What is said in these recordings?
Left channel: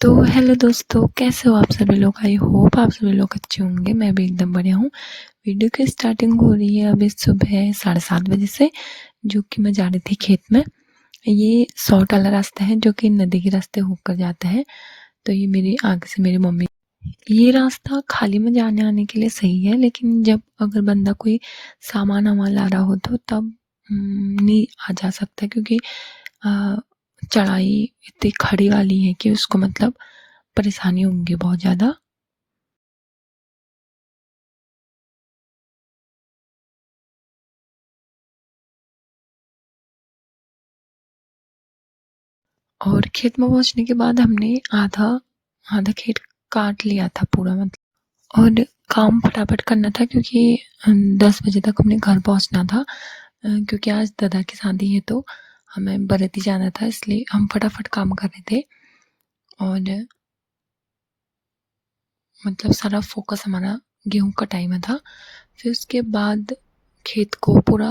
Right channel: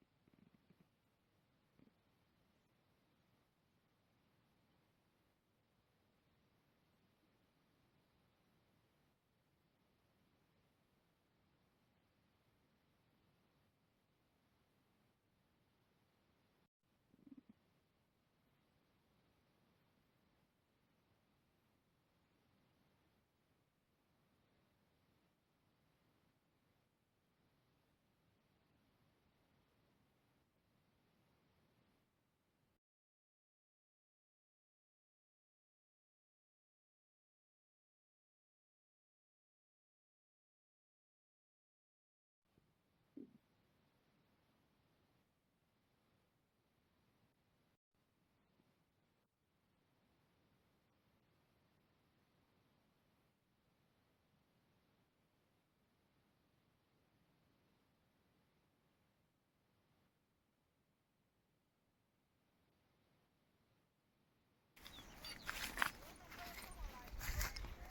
तो हेलो दोस्तों, कैसे हो आप सभी लोग। आई होप आप सभी लोग अच्छे होंगे। मैं भी एकदम बढ़िया हूँ। वीडियो की स्टार्टिंग हो रही है अभी सुबह 7:30 बजे से, जो कि मैं जा रही थी खेत में। ये शॉर्ट वाला रास्ता है जो कि नदी के रास्ते होकर जाता है। तो ये मेरी आगे से मेरी मम्मी, ये रास्ता खाली में जाने आने के लिए सही है, लेकिन जब अगर बंदा कोई सामान वामान ला रहा हो तो तब नहीं आ जा सकता, क्योंकि अ, चढ़ाई इतनी खड़ी वाली है कि उसको मतलब परेशानी होंगी बहुत ज़्यादा। और खेत में पहुंचने के बाद हमने आधा आधा खेत काट लिया था पूरा, मतलब। और काम फटाफट करना था क्योंकि 10 बजे तक हमने घर पहुंचना था, क्योंकि आज दादा की शादी है तो हमें बराती जाना था, इसलिए हम फटाफट काम कर रहे थे। और मतलब सारा फोकस हमारा गेहूं कटाई में था। फिर उसके बाद खेत को पूरा,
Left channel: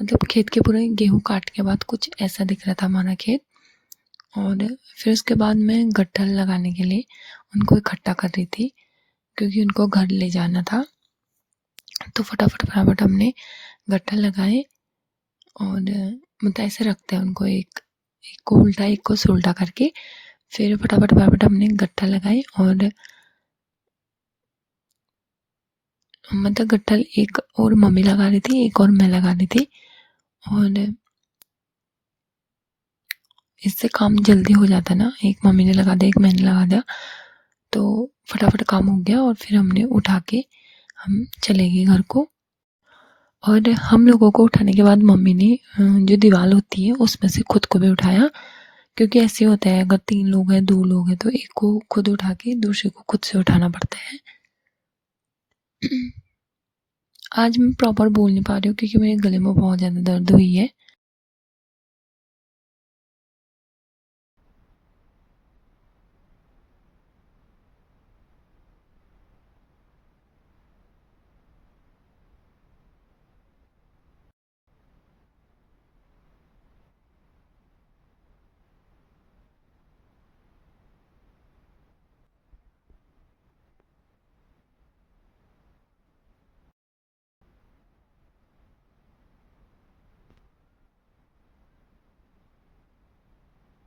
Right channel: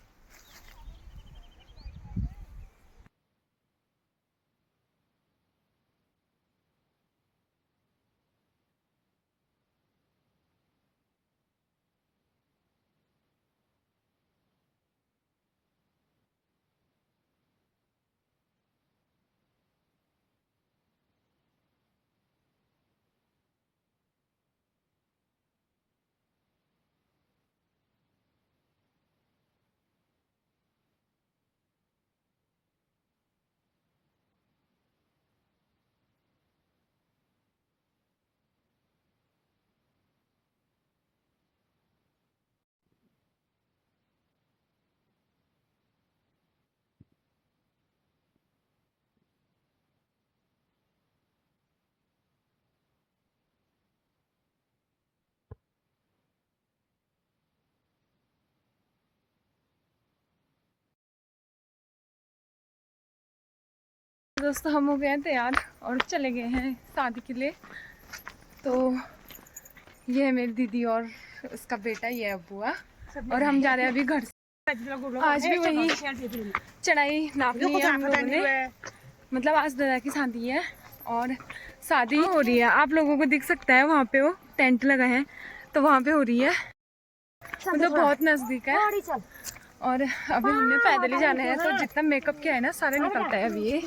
मतलब खेत के पूरे गेहूं काट के बाद कुछ ऐसा दिख रहा था हमारा खेत। और फिर उसके बाद मैं गट्ठल लगाने के लिए उनको इकट्ठा कर रही थी, क्योंकि उनको घर ले जाना था। तो फटाफट फटाफट हमने गट्ठल लगाए। और मतलब ऐसे रखते हैं उनको, एक को उल्टा एक को सुलटा करके। फिर फटाफट फटाफट हमने गट्ठल लगाए। और मतलब गट्ठल एक और मम्मी लगा रही थी, एक और मैं लगा रही थी। और इससे काम जल्दी हो जाता ना, एक मम्मी ने लगा दिया एक मैंने लगा दिया, तो फटाफट काम हो गया। और फिर हमने उठा के हम चले गए घर को। और हम लोगों को उठाने के बाद मम्मी ने जो दीवार होती है उसमें से खुद को भी उठाया, क्योंकि ऐसे होता है अगर 3 लोग हैं 2 लोग हैं तो एक को खुद उठा के दूसरे को खुद से उठाना पड़ता है। आज मैं प्रॉपर बोल नहीं पा रही हूँ क्योंकि मेरे गले में बहुत ज़्यादा दर्द हुई है। दोस्तों हम हो गए हैं तैयार और चले गए हैं शादी के लिए। तो ये है मेरी दीदी और उसका बेटा, ये है बुआ। और हम जा रहे हैं अभी घर से। आज भी वही चढ़ाई नाप ली है हम लोगों ने, मतलब आज दादा की शादी है और शादी हो रही है। आप लोगों को दिख सकता है वहाँ पे वो टेंट लगा है, तो वहाँ पे हो रही है, मतलब बहुत नज़दीक है। और अभी हमने पैदल ही जाना है, तो जितना मेकअप किया है ना सारे निकलता है अभी ये।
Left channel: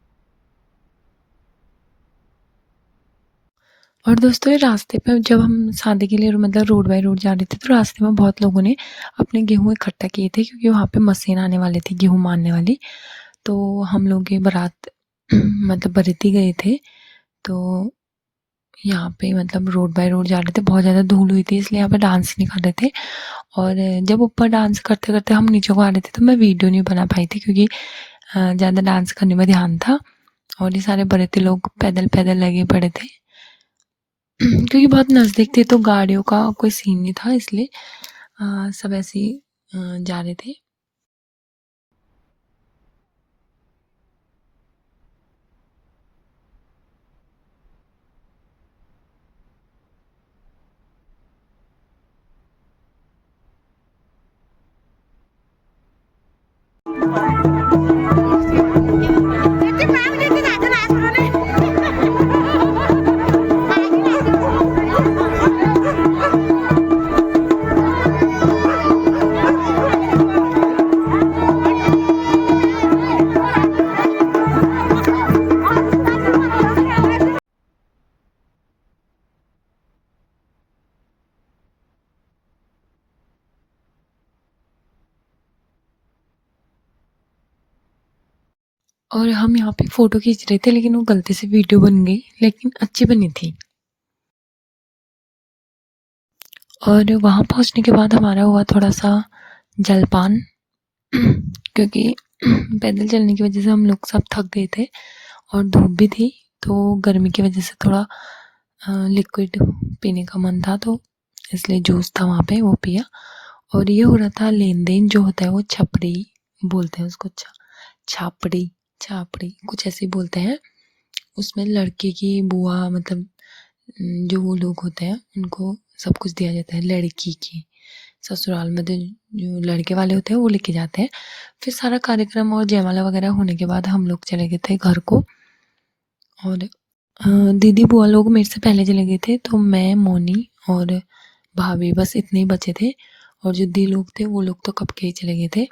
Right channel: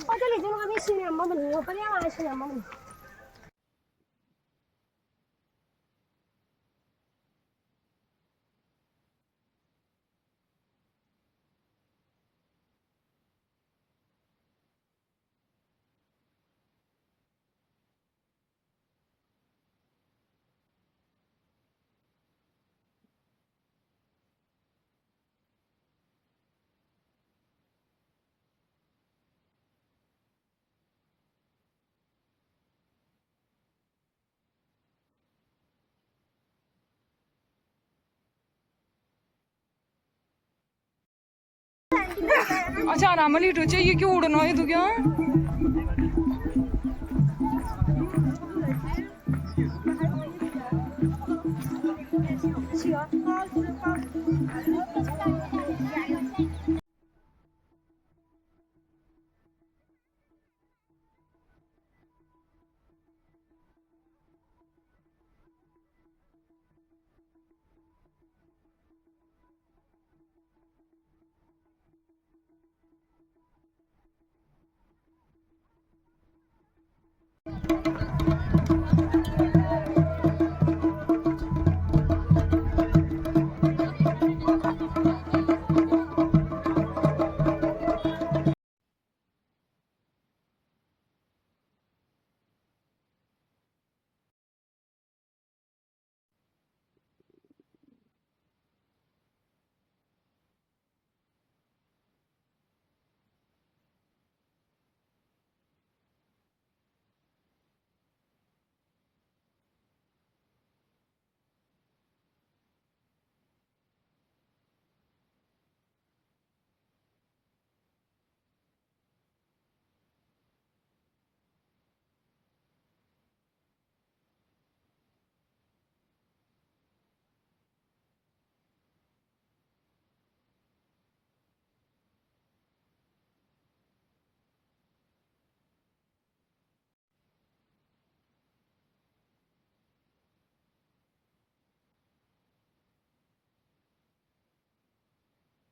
और दोस्तों ये रास्ते पे जब हम शादी के लिए मतलब रोड बाई रोड जा रहे थे, तो रास्ते में बहुत लोगों ने अपने गेहूँ इकट्ठा किए थे, क्योंकि वहाँ पे मशीन आने वाली थी गेहूँ मारने वाली। तो हम लोग ये बारात मतलब बराती गए थे। तो यहाँ पे मतलब रोड बाई रोड जा रहे थे, बहुत ज़्यादा धूल हुई थी इसलिए यहाँ पे डांस नहीं कर रहे थे। और जब ऊपर डांस करते करते हम नीचे को आ रहे थे तो मैं वीडियो नहीं बना पाई थी, क्योंकि ज़्यादा डांस करने में ध्यान था। और ये सारे बराती लोग पैदल पैदल लगे पड़े थे, क्योंकि बहुत नज़दीक थे तो गाड़ियों का कोई सीन नहीं था, इसलिए सब ऐसे ही जा रहे थे। अच्छा आराम लिटो चाहिए, क्यों उड़ना है तू क्या? और हम यहाँ पे फ़ोटो खींच रहे थे, लेकिन वो गलती से वीडियो बन गई, लेकिन अच्छी बनी थी। और वहाँ पहुँचने के बाद हमारा हुआ थोड़ा सा जलपान, क्योंकि पैदल चलने की वजह से हम लोग सब थक गए थे और धूप भी थी, तो गर्मी की वजह से थोड़ा लिक्विड पीने का मन था, तो इसलिए जूस था वहाँ पे वो पिया। और ये हो रहा था लेन देन जो होता है वो छपड़ी बोलते हैं उसको, छापड़ी छापड़ी कुछ ऐसे ही बोलते हैं। उसमें लड़के की बुआ, मतलब जो वो लोग होते हैं उनको सब कुछ दिया जाता है। लड़की की ससुराल में तो जो लड़के वाले होते हैं वो लेके जाते हैं। फिर सारा कार्यक्रम और जयमाला वगैरह होने के बाद हम लोग चले गए थे घर को। और दीदी बुआ लोग मेरे से पहले चले गए थे, तो मैं, मोनी और भाभी बस इतने ही बचे थे। और जो दी लोग थे वो लोग तो कब के ही चले गए थे।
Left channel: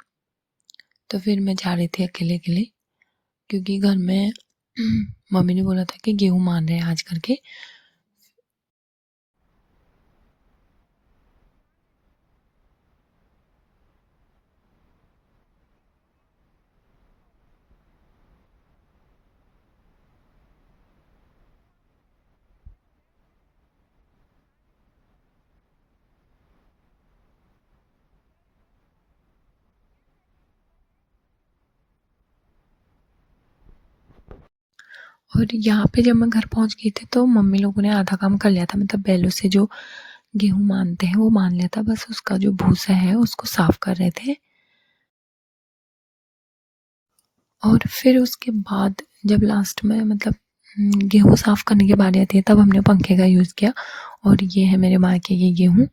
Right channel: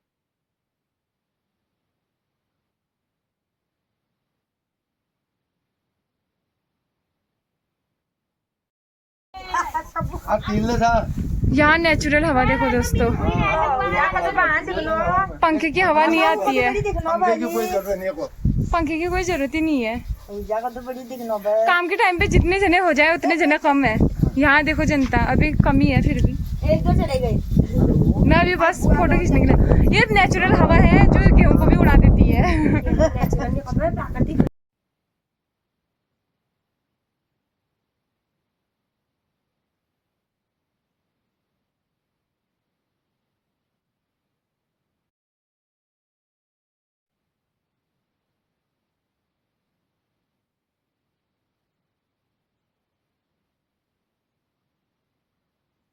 तो फिर मैं जा रही थी अकेले अकेले, क्योंकि घर में मम्मी ने बोला था कि गेहूँ मान रहे हैं आज करके। यहाँ नेचुरल हवा देखो दोस्तों, पंखे की हवा नहीं आती है, पंखे की कोई जरूरत ही नहीं है। काम के टाइम पे जितने जने हो जाए उतने जने कम है। यहाँ देखो जनता अभी कमी है, फिर भी एक दो चले गए। मैं अभी बस फोटो खींचने के लिए, ये नेचुरल हवा है जो गेहूं को भी उड़ा देती है। और यहाँ पे जब मैं घर पहुँच गई थी तो मम्मी लोगों ने आधा काम कर लिया था, मतलब बैलों से जो गेहूँ मानते हैं वो मान लिया था, बस उसका जो भूसा है उसको साफ कर रहे थे। और फिर उसके बाद जब लास्ट में मतलब गेहूँ साफ करने की बारी आती है तब हमने पंखे का यूज़ किया। और ये है मेरे मायके की गेहूँ।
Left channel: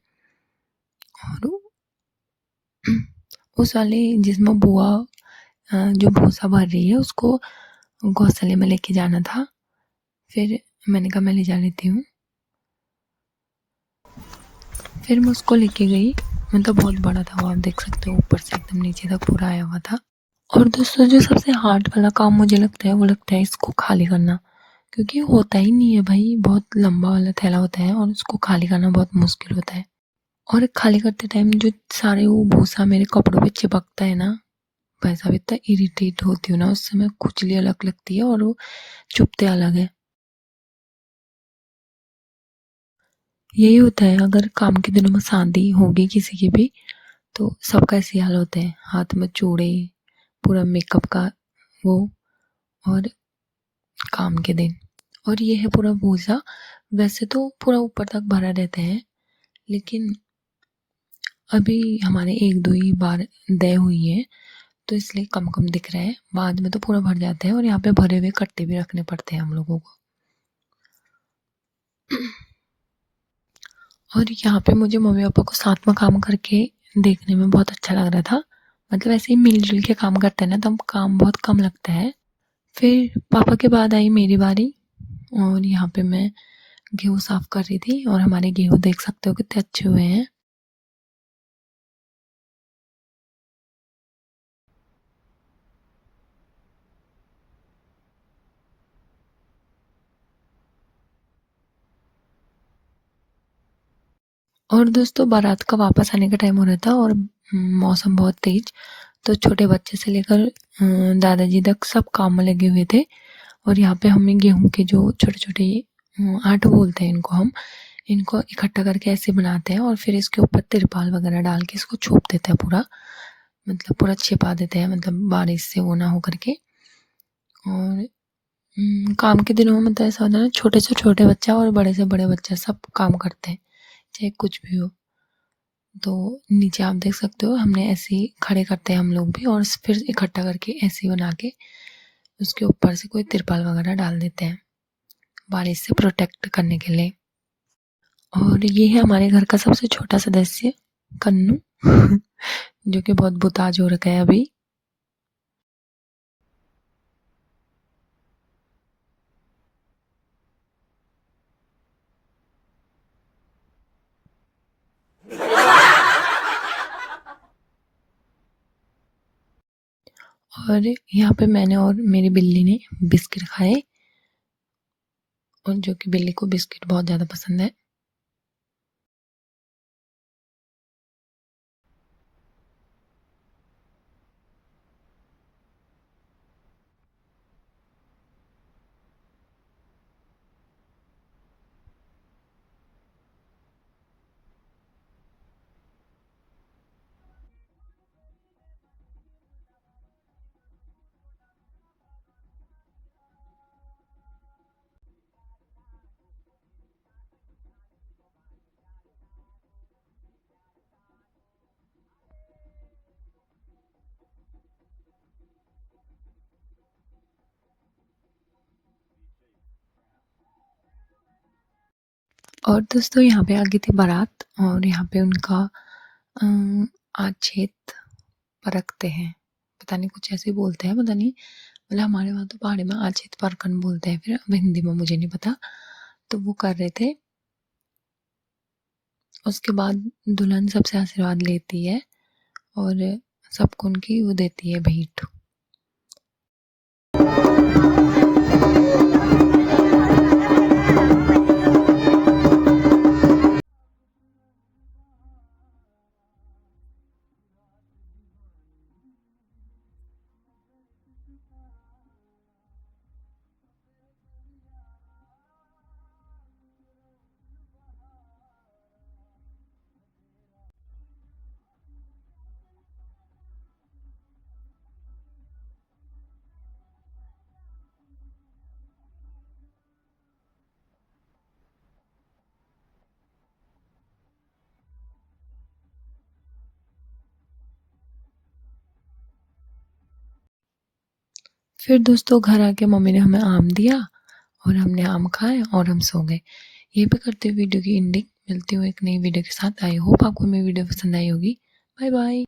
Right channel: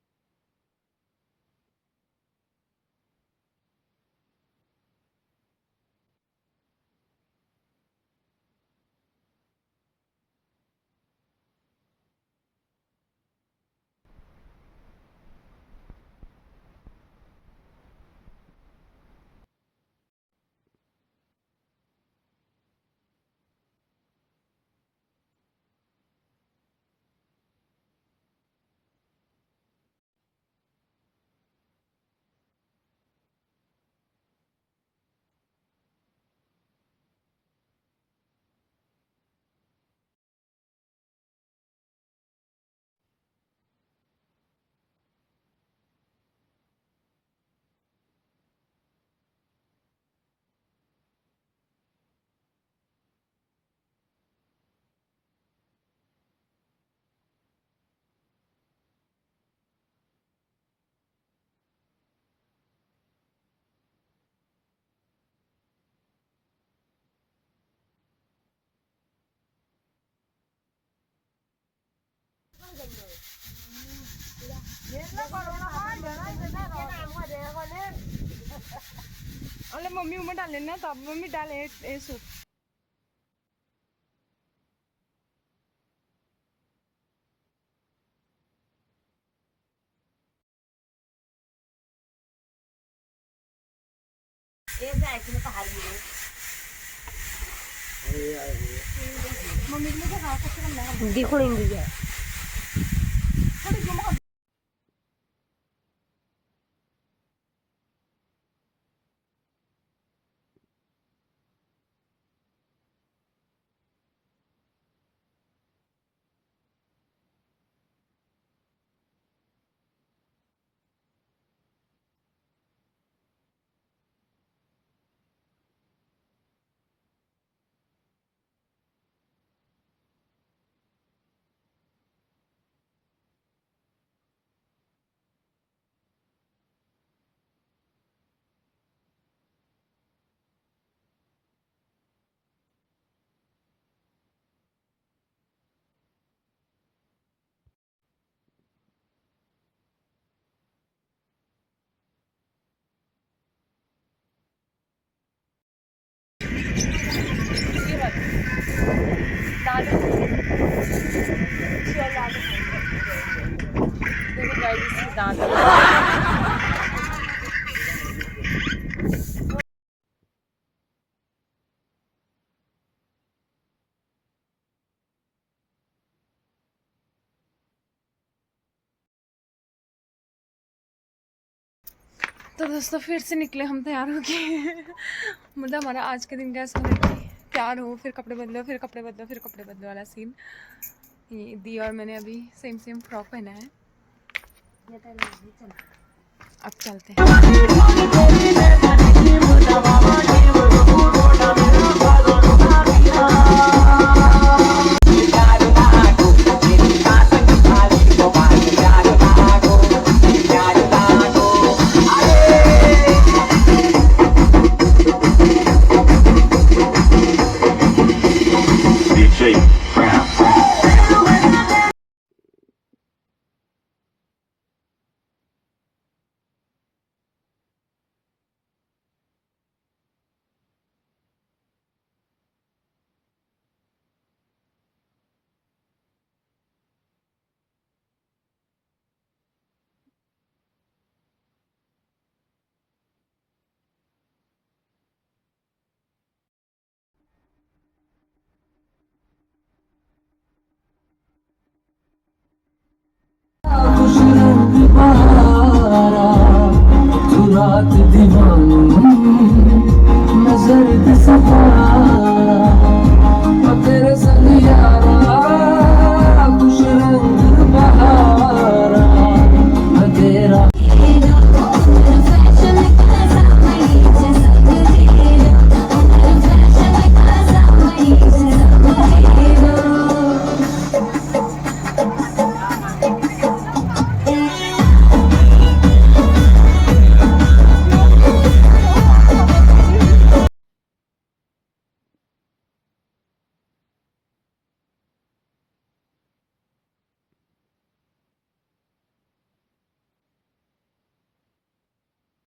और उस वाले जिसमें बुआ जो भूसा भर रही है उसको गौशाले में लेके जाना था। फिर मैंने कहा मैं ले जा लेती हूँ। फिर मैं उसको लेके गई, मतलब बहुत बड़ा था वो, आप देख सकते हो ऊपर से एकदम नीचे तक पूरा आया हुआ था। और दोस्तों जो सबसे हार्ड वाला काम मुझे लगता है वो लगता है इसको खाली करना, क्योंकि होता ही नहीं है भाई, बहुत लंबा वाला थैला होता है और उसको खाली करना बहुत मुश्किल होता है। और खाली करते टाइम जो सारे वो भूसा मेरे कपड़ों पे चिपकता है ना, भाई साहब इतना इरिटेट होती हूँ ना उससे, मैं खुजली अलग लगती है और वो चुभते अलग है। यही होता है अगर काम के दिनों में शादी होगी किसी की भी तो सबका ऐसे हाल होता है, हाथ में चूड़े, पूरा मेकअप का वो, और काम के दिन। और ये है पूरा भूसा, वैसे तो पूरा ऊपर तक भरा रहता है, लेकिन अभी हमारे एक दो ही बार दे हुई है तो इसलिए कम कम दिख रहा है, बाद में तो पूरा भर जाता है। और यहाँ पे भरे हुए कट्टे भी रखने पड़ते हैं हम लोगों को। और यहाँ पे मुझे मम्मी पापा को साथ में काम करके देखने में बहुत अच्छा लग रहा था, मतलब ऐसे ही मिलजुल के काम करते हैं ना तब काम बहुत कम लगता है। फिर पापा के बाद आई मेरी बारी, और यहाँ पे मैं गेहूँ साफ कर रही थी। और हमारे गेहूँ देख सकते हो कितने अच्छे हुए हैं। और दोस्तों बारात का वापस आने का टाइम हो रहा था और मौसम बहुत तेज, तो छोटे बच्चे से लेकर दादाजी तक सब काम में लगे हुए थे। और यहाँ पे हमें गेहूं के जो छोटे छोटे आटे बोलते हैं इनको, हम इनको इकट्ठा करके ऐसे बनाते हैं और फिर इसके ऊपर तिरपाल वगैरह डाल के इसको छोप देते हैं पूरा, मतलब पूरा छिपा देते हैं, मतलब बारिश से वो ना हो करके। और काम के दिनों में मतलब ऐसा होता है ना, छोटे से छोटे बच्चा और बड़े से बड़े बच्चा सब काम करते हैं, चाहे कुछ भी हो। तो नीचे आप देख सकते हो हमने ऐसे ही खड़े करते हैं हम लोग भी, और फिर इकट्ठा करके ऐसे ही बना के उसके ऊपर से कोई तिरपाल वगैरह डाल देते हैं बारिश से प्रोटेक्ट करने के लिए। और ये है हमारे घर का सबसे छोटा सदस्य कन्नू जो कि बहुत बुताज हो रखा है अभी। और यहाँ पे मैंने और मेरी बिल्ली ने बिस्किट खाए, और जो कि बिल्ली को बिस्किट बहुत ज़्यादा पसंद है। तो दोस्तों फिर से निकले हम तैयार हो गए। मतलब हमारा आज के दिन का ऐसा है कि तैयार हो, फिर कपड़े बदलो, फिर कपड़े बदलो, फिर कपड़े बदलो वाला सीन। ये दी और मैंने अभी सेम सेम फ्रॉक पहना है। अब चलते हैं। और दोस्तों यहाँ पे आ गई थी बारात, और यहाँ पे उनका आछेत परखते हैं, पता नहीं कुछ ऐसे बोलते हैं, पता नहीं, मतलब हमारे वहाँ तो पहाड़ी में आचित परकन बोलते हैं, फिर अब हिंदी में मुझे नहीं पता। तो वो कर रहे थे। उसके बाद दुल्हन सबसे आशीर्वाद लेती है और सबको उनकी वो देती है भेंट। फिर दोस्तों घर आके मम्मी ने हमें आम दिया और हमने आम खाए और हम सो गए। यहीं पे करते हुए वीडियो की एंडिंग। मिलती हूँ एक नई वीडियो के साथ। आई होप आपको मेरी वीडियो पसंद आई होगी। Bye bye.